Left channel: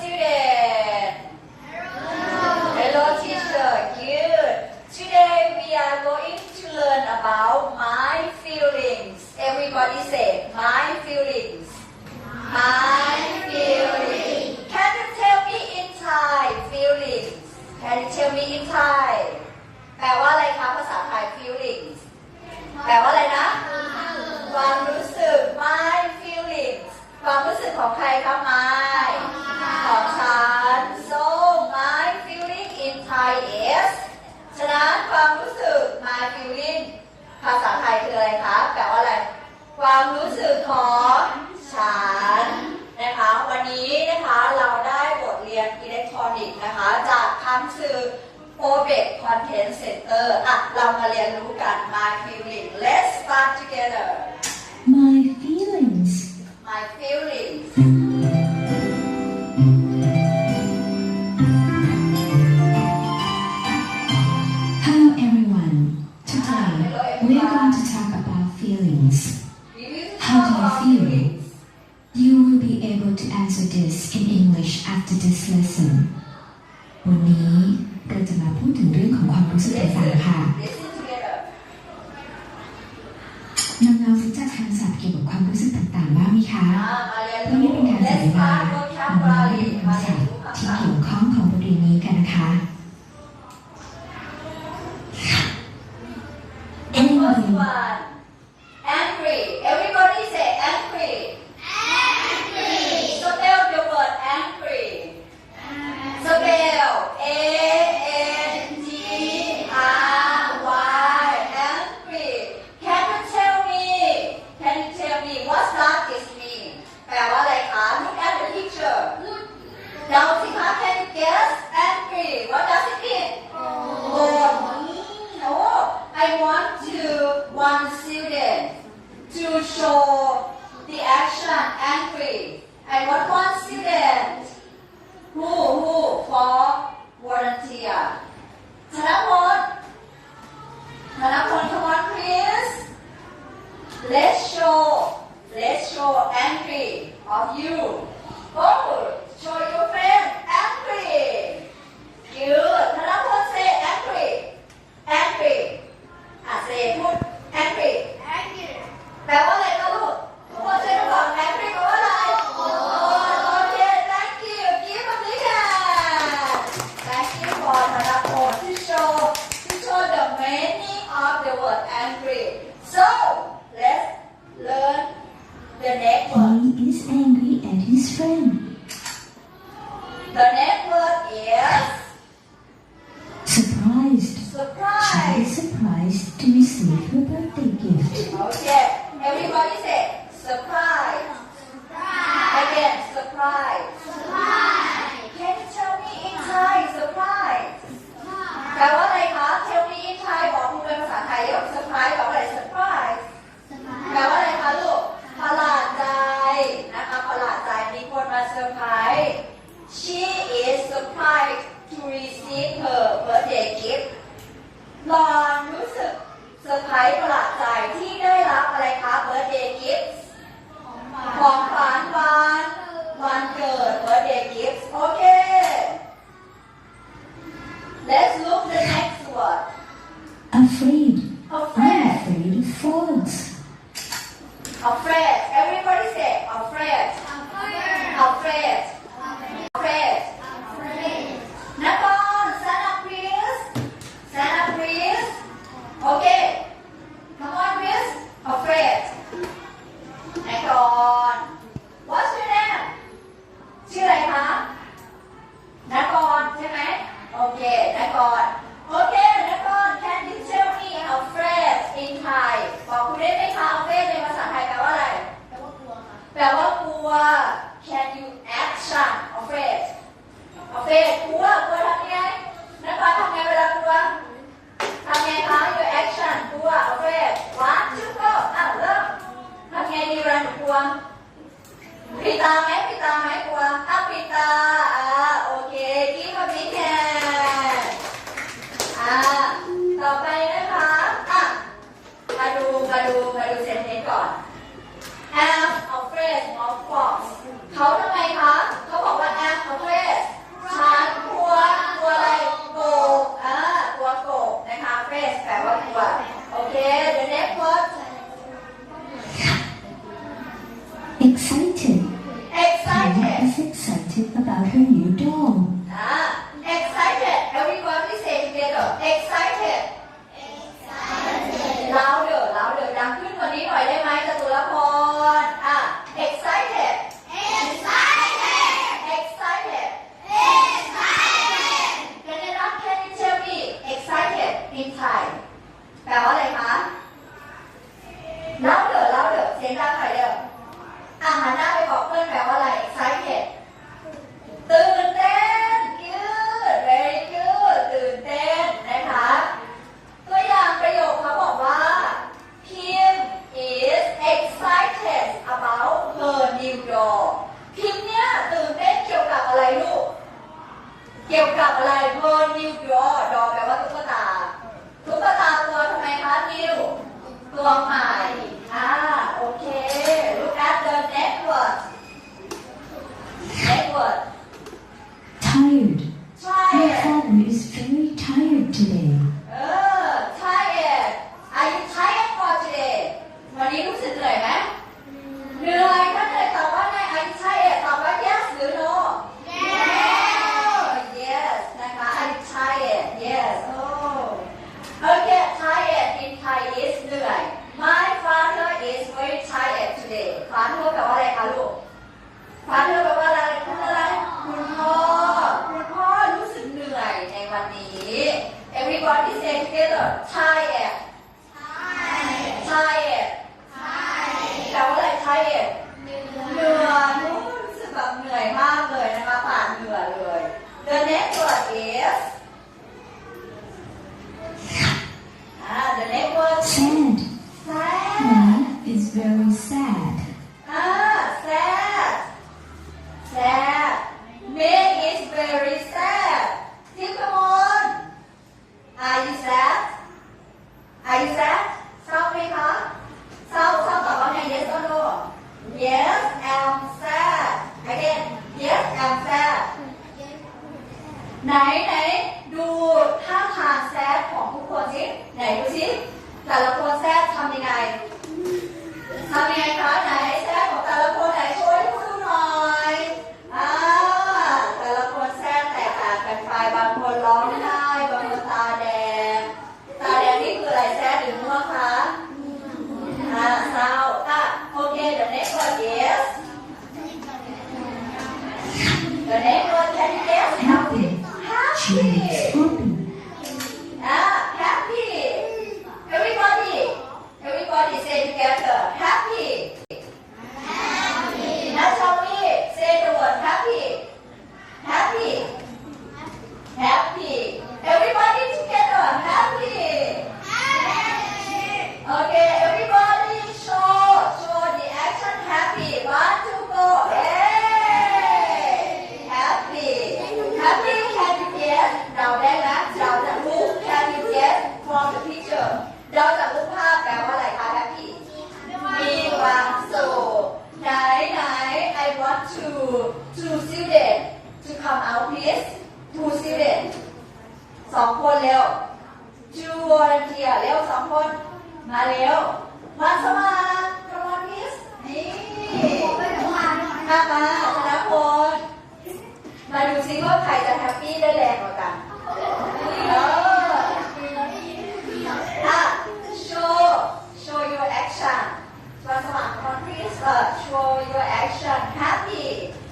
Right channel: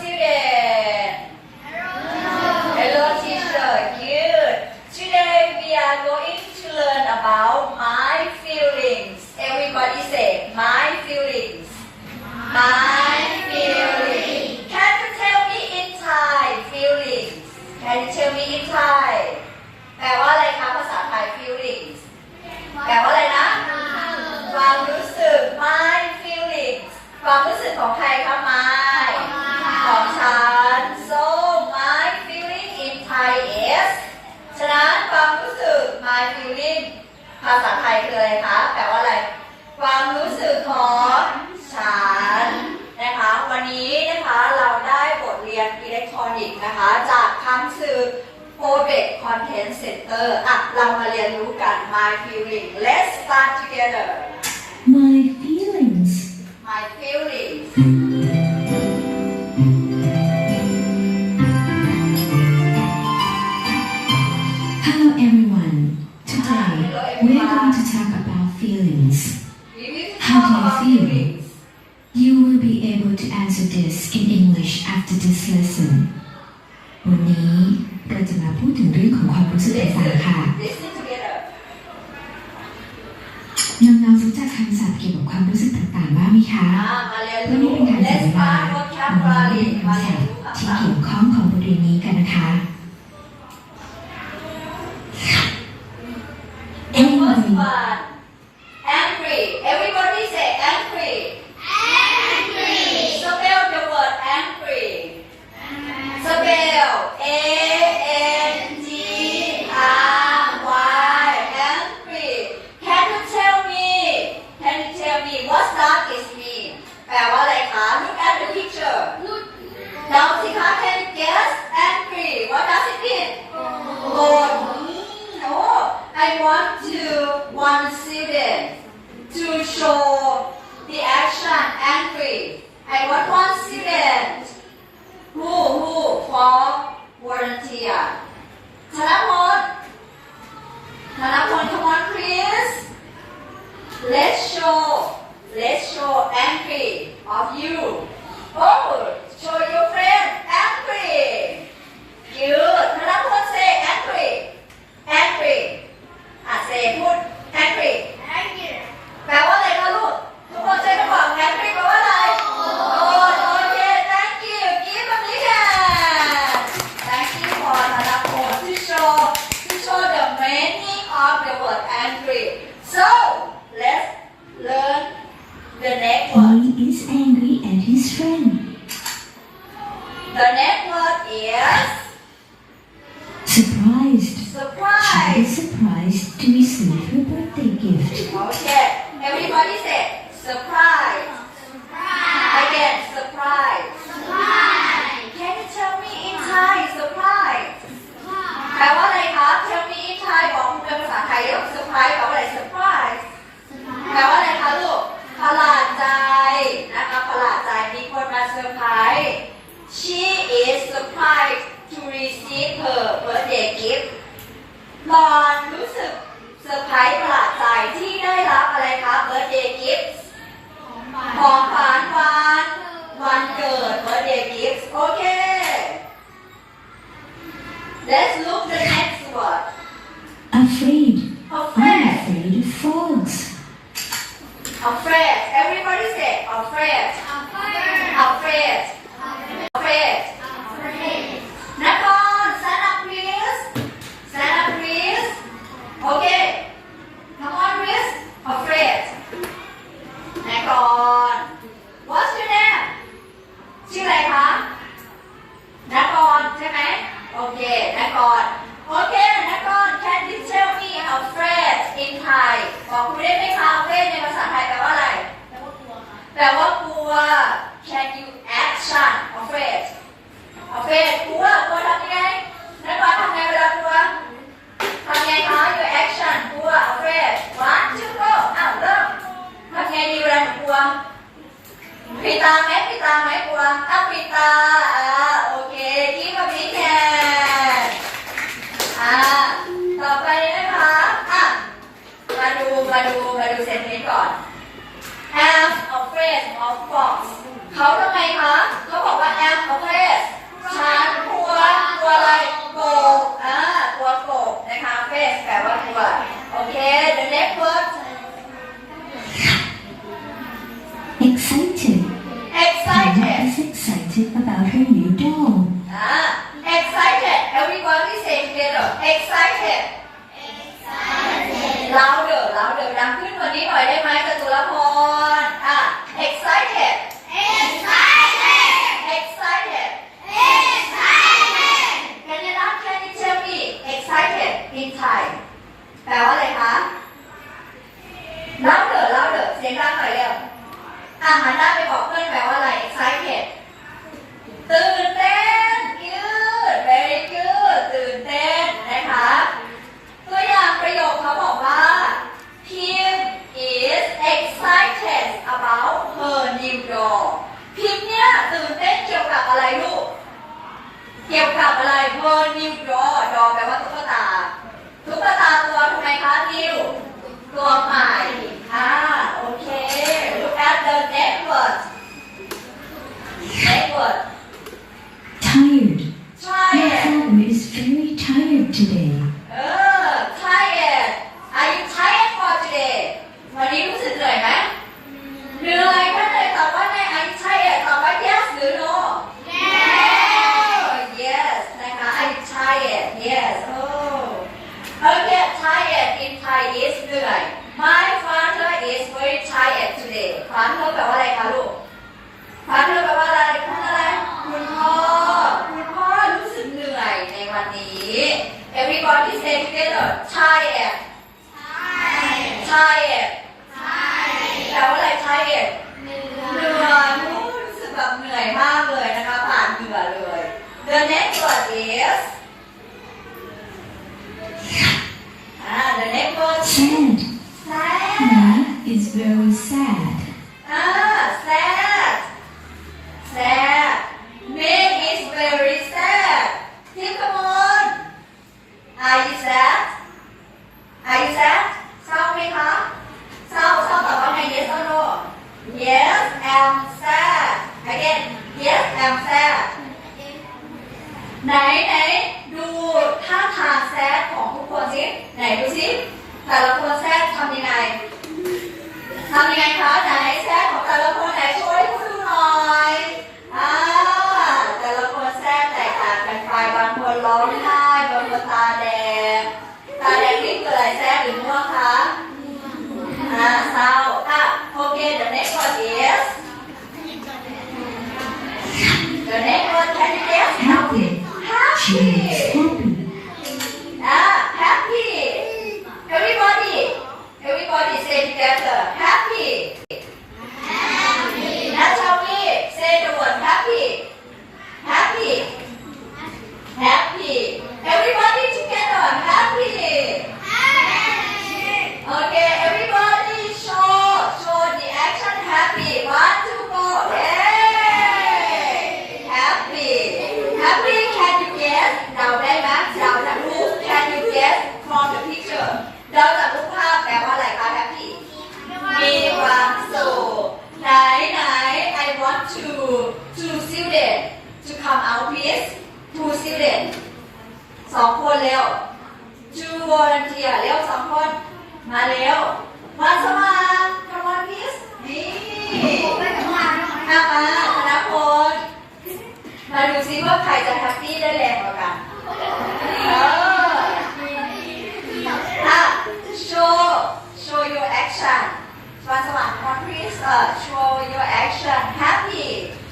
student Hello teacher good Today we are going to learn about my feelings Everybody say my feelings My feelings Can you tell me in Thai feelings Can you tell me in Thai แปลว่าอะไรคะภาษาไทย feelings แปลว่าอะไรนะ ความรู้สึก my feelings ความรู้สึกของใครคะ my ของฉัน so my feeling in Thai is ฉะนั้นความรู้สึก my feeling ภาษาไทยคืออะไรคะ แปลว่าอะไร ความรู้สึกของฉันนะคะ วันนี้นะคะเราได้บทเรียนอิเล็กทรอนิกส์นะคะ จากคำสื่อ Project Content Center อะเรามาเรียนรู้กัน my feeling let's start together น้องๆรู้จักคำศัพท์เกี่ยวกับความรู้สึกต่างๆบ้างไหมคะอะมาเรียนวันนี้รู้เป็นการจัด let's เวลา start น้องๆ vocabulary เรียนมาคำเรีศัยนพท์รู้ที่เกี่ยวข้องของบทเรียนนี้กันนะคะ let's show let's show angry of you. Oh next word He is angry at his friend. the next word is Surprised. She is surprised to receive her birthday gift. Okay, everybody say surprise. Again, surprise. Can you tell me in Thai surprise? แ She is surprised to receive her birthday gift หลอนรู้สึกเซอร์ไพรส์ประหลาดใจที่ได้รับอะไรคะ birthday gift ของขวัญวันวันเกิด birthday gift โอเค วะอัฟริกาอ่าโอเคคิดคำนี้แทนอ่าต่อไปนะคะอะมาดูมาดูมาดูเซนนี้ก่อน have a phrase of fox เขาทำไมคะเขาบอกว่า have a phrase ฉันกลัวกลัวอะไรโกบอ่ากลัวโกบนะคะ phrase แปลว่ากลัวโอเค the next word excited everybody say together excited louder louder ดังขึ้นกว่านี้หน่อยได้ไหมจตุรพรอะ excited excited Can you not can you tell me excited in Thai แปลว่าอะไรคะ louder louder เสียงดังหน่อยเร็วอะหันหน้าไปบอกเพื่อนแปลว่าอะไร excited ตื่นเต้น good very good ตื่นเต้นนะคะ ตัวอย่างประโยคเขาบอกว่า Kim is excited about her new doll พิมเนี่ยตื่นเต้นเกี่ยวกับอะไรลูก เกี่ยวกับอะไร her new doll doll แปลว่าตุ๊กตา ตุ๊กตาตัวทำไมคะ new ตัวใหม่ อ่า โอเค look at the next word next word Tired. try My it father is very tired today. เออ tired are you tired for today วันนี้รู้สึกเหนื่อยไหมเหนื่อยก็เลยตอบว่าไง are you tired ตอบว่า yes หรือ no yes นะคะ are you tired yes oh okay tired in Thai is เหนื่อย my father is very tired today father แปลว่าอะไรคะลูก father แปลว่าอะไรคุณอะไร คุณพ่อ คุณพ่อรู้สึกเหนื่อยในวันนี้ everybody say together tired tired แปลว่าอะไร tired เหนื่อยรู้สึกแบบเหนื่อยมากเลยนะคะ ผ่านเหงื่อเลย the next word is อ่า the next word is Sad. sad Ma is very sad. อ่า sad sad Nick is very sad Tim come on Are you sad Are you sad เศร้าไหมคะเศร้าเศร้าตอบว่าไง yes or no Yes I'm sad again Yes I'm sad ไหนไหนดูท่าทางแซดของทุกคนสิไหนดูสิแต่ละคนแซดทำยังไงทำยังไงคะไหนแซดของแต่ละคนไหนช่วยพูดดูหน่อยอ่าแต่ละคนแซดแตกต่างกันไปบางคนร้องไห้บางคนตาแดงตาแดงนี่คืออะไรแซดหรือง่วงคะอ่าเศร้าอะโอเค the next one is the next one can you guess Happy. She happy is happy. Ah, happy. Everybody, everybody say together. Happy. Happy. Now tell me, say the word happy. Happy. Happy. Everybody together. Happy. Okay, everybody show, show the action happy. One, two, go. Hey! Happy. Happy, can you guess? เราได้ไหมเราจะรู้ Can you guess from the picture? เราจะรู้ภาพแปลว่าอะไรคะ Happy มีความสุขไหนไหน I want to to student to come out please to student สองคนเร็ว to volunteer เร็วสองคน มาเร็ว มาสมัคร come on please นี่ อามาธนพลมาดูซิว่าใครจะแฮปปี้ได้แรงกว่ากันเอออะ show show your action วันสมัคร one please เออ show your action happy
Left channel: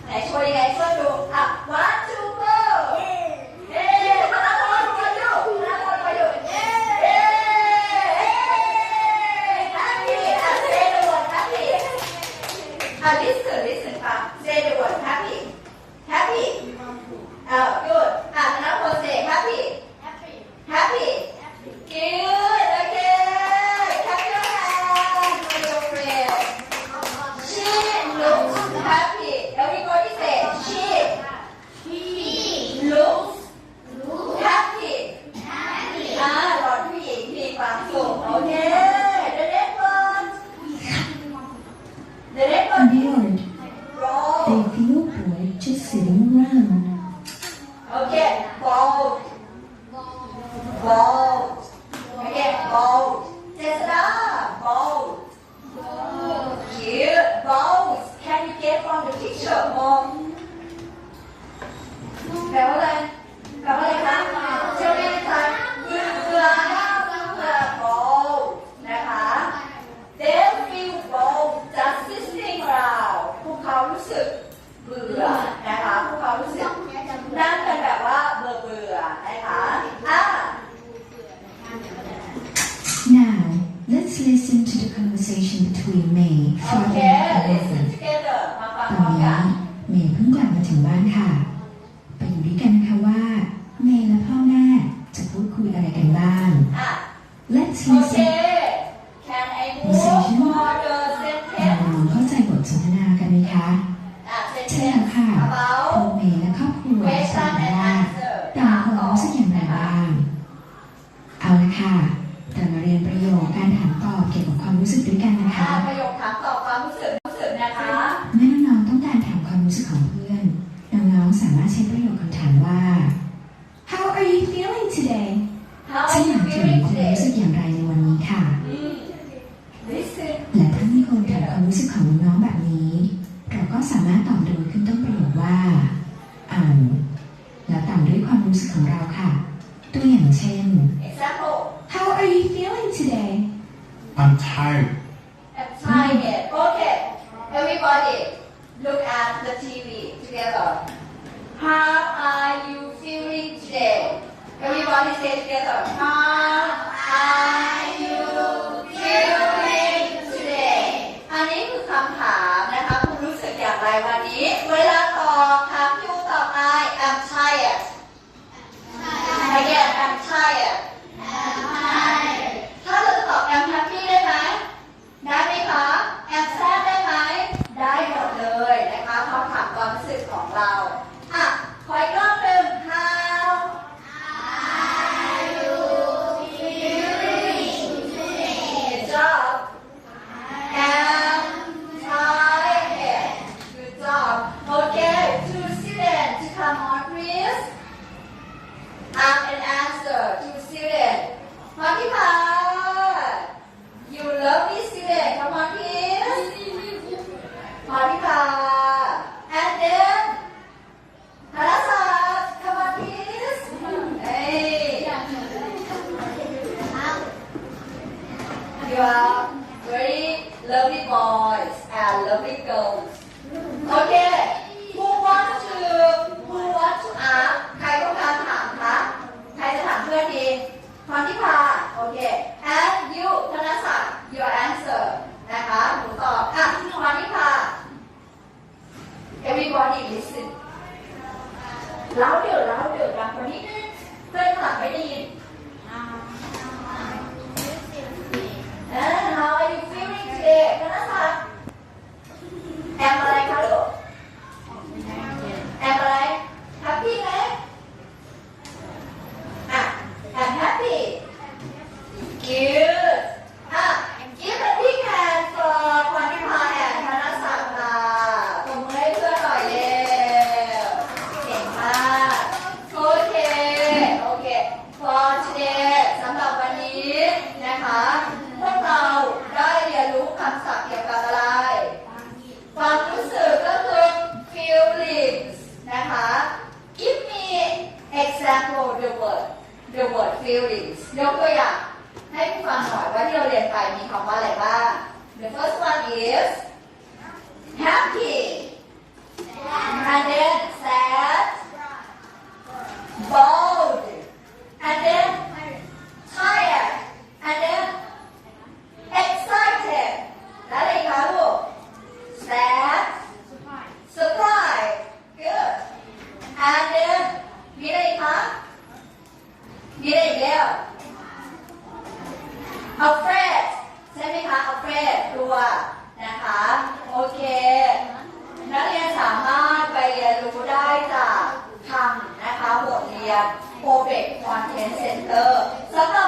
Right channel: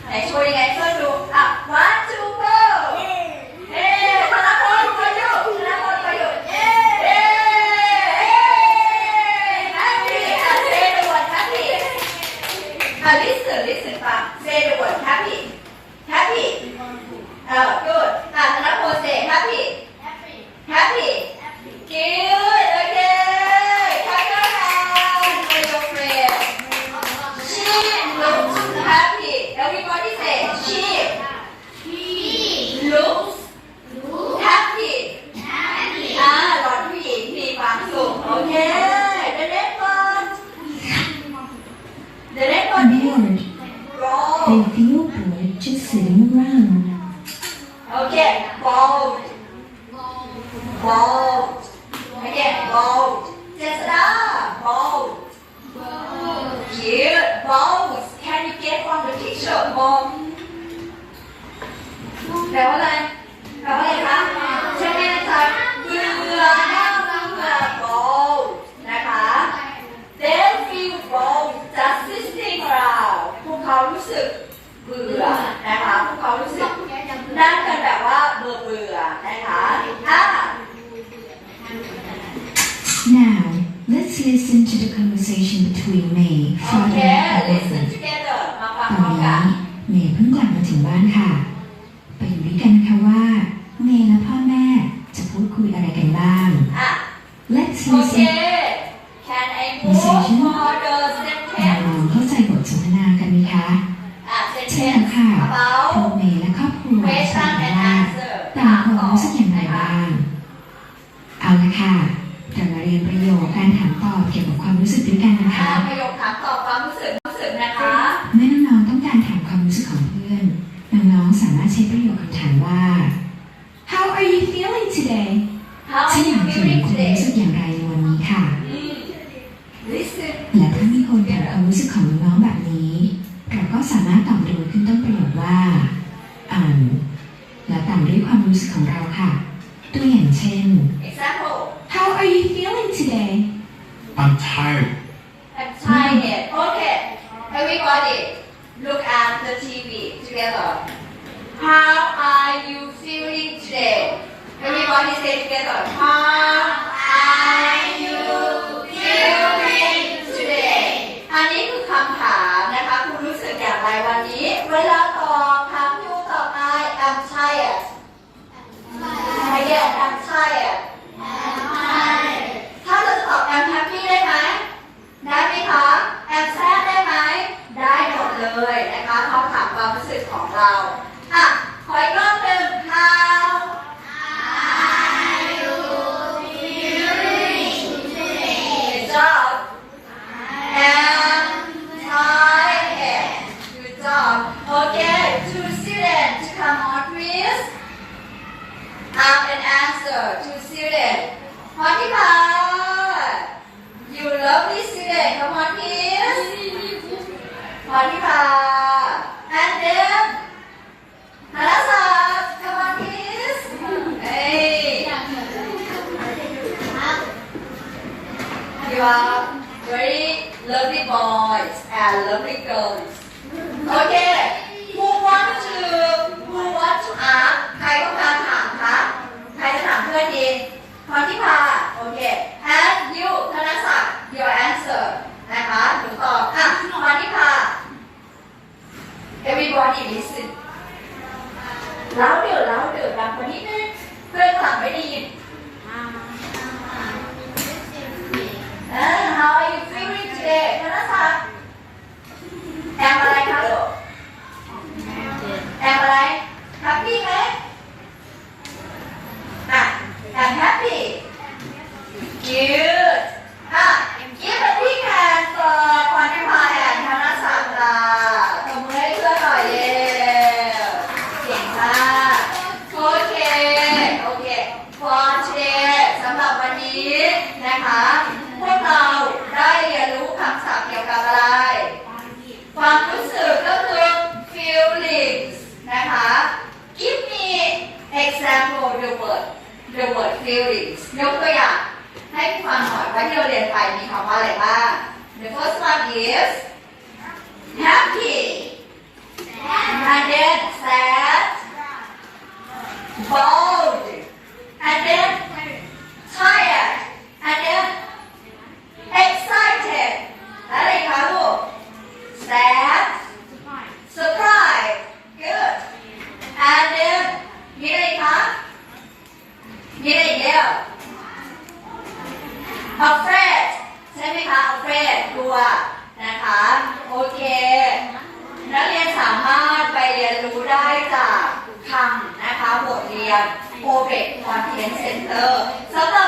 ไหนโชว์ยังไงเพื่อนดูอะ one two go เอ๊ธนพลประยุทธ์ธนพลประยุทธ์เอ๊เอ๊ happy อะ say the word happy อะ listen listen ฟัง say the word. Happy. Happy. เ They อะ Let's โอเค listen can I move for the เรา sentence ลองเข้าใจบทสนทนากันไหมคะอะ ใช่แล้ว sentence ค่ะ about ตัวเมย์และครอบครัวจะ question ถาม and ว่า answer ต่างคนรู้สึกอย่างไรบ้าง เอาละค่ะเรามาเรียนประโยคการถามตอบเกี่ยวกับความรู้สึกด้วยกันนะอะคะ ประโยคถามตอบความรู้สึกรู้สึกนะคะ เมื่อน้องๆต้องการถามความรู้สึกของเพื่อน น้องๆสามารถใช้ประโยคคำถามว่า How are you feeling today How ฉั are นอ you ยาก จะรู้ feeling คุณ today รู้สึกอย่างไรในวันนี้ค่ะอืม listen และถ้ามีคนถามความรู้สึกของน้องๆแบบนี้ เราก็สามารถตอบโดยขึ้นต้นประโยคว่า อ่านและตามด้วยความรู้สึกของเราค่ะ ตัวอย่างเช่น example How are you feeling today I'm tired. I'm tired okay everybody look at the TV together How are you feeling today everybody say together How are you feeling today อันนี้คือคำถามนะคะคุณรู้สึกอย่างไรวันนี้ เวลาตอบถามยูตอบไอ I'm tired tired I'm tired ถ้าเราตอบ I'm happy ได้ไหม ได้ไหมคะ I'm sad ได้ไหม ได้หมดเลยนะคะเขาถามความรู้สึกของเรา อะ ขออีกรอบหนึ่ง How are you feeling Good job I'm tired Good job Okay two students to come on please Ask and answer to student พรทิพา You lovely student come on please พรทิพา and then ธนศักดิ์ come on please เอ้ย You are very lovely boys and lovely girls Okay who want to who want to ask ใครต้องการถามคะใครจะถามเพื่อนดีพรทิพาโอเค and you ธนศักดิ์ your answer นะคะหนูตอบอะพรทิพา everybody listen แล้วเดี๋ยวแล้วเดี๋ยวดังกว่านี้นึงเพื่อนข้างหลังไม่ได้ยิน How are you feeling today ธนศักแอมอะไรคะลูกแอมอะไร happy ไหมอะ I'm happy good มีคำว่าอะไรบ้าง the first one is happy and then sad bold and then tired and then excited และอะไรคะลูก sad surprise good and then มีอะไรอีกคะมีอะไรอีกแล้ว afraid ใช่ไหมคะ วนะคะ โอเค นักเรียนสามารถไปเรียนรู้ได้จากคำนะคะบทเรียน p r o b e t Content Center สำหรับ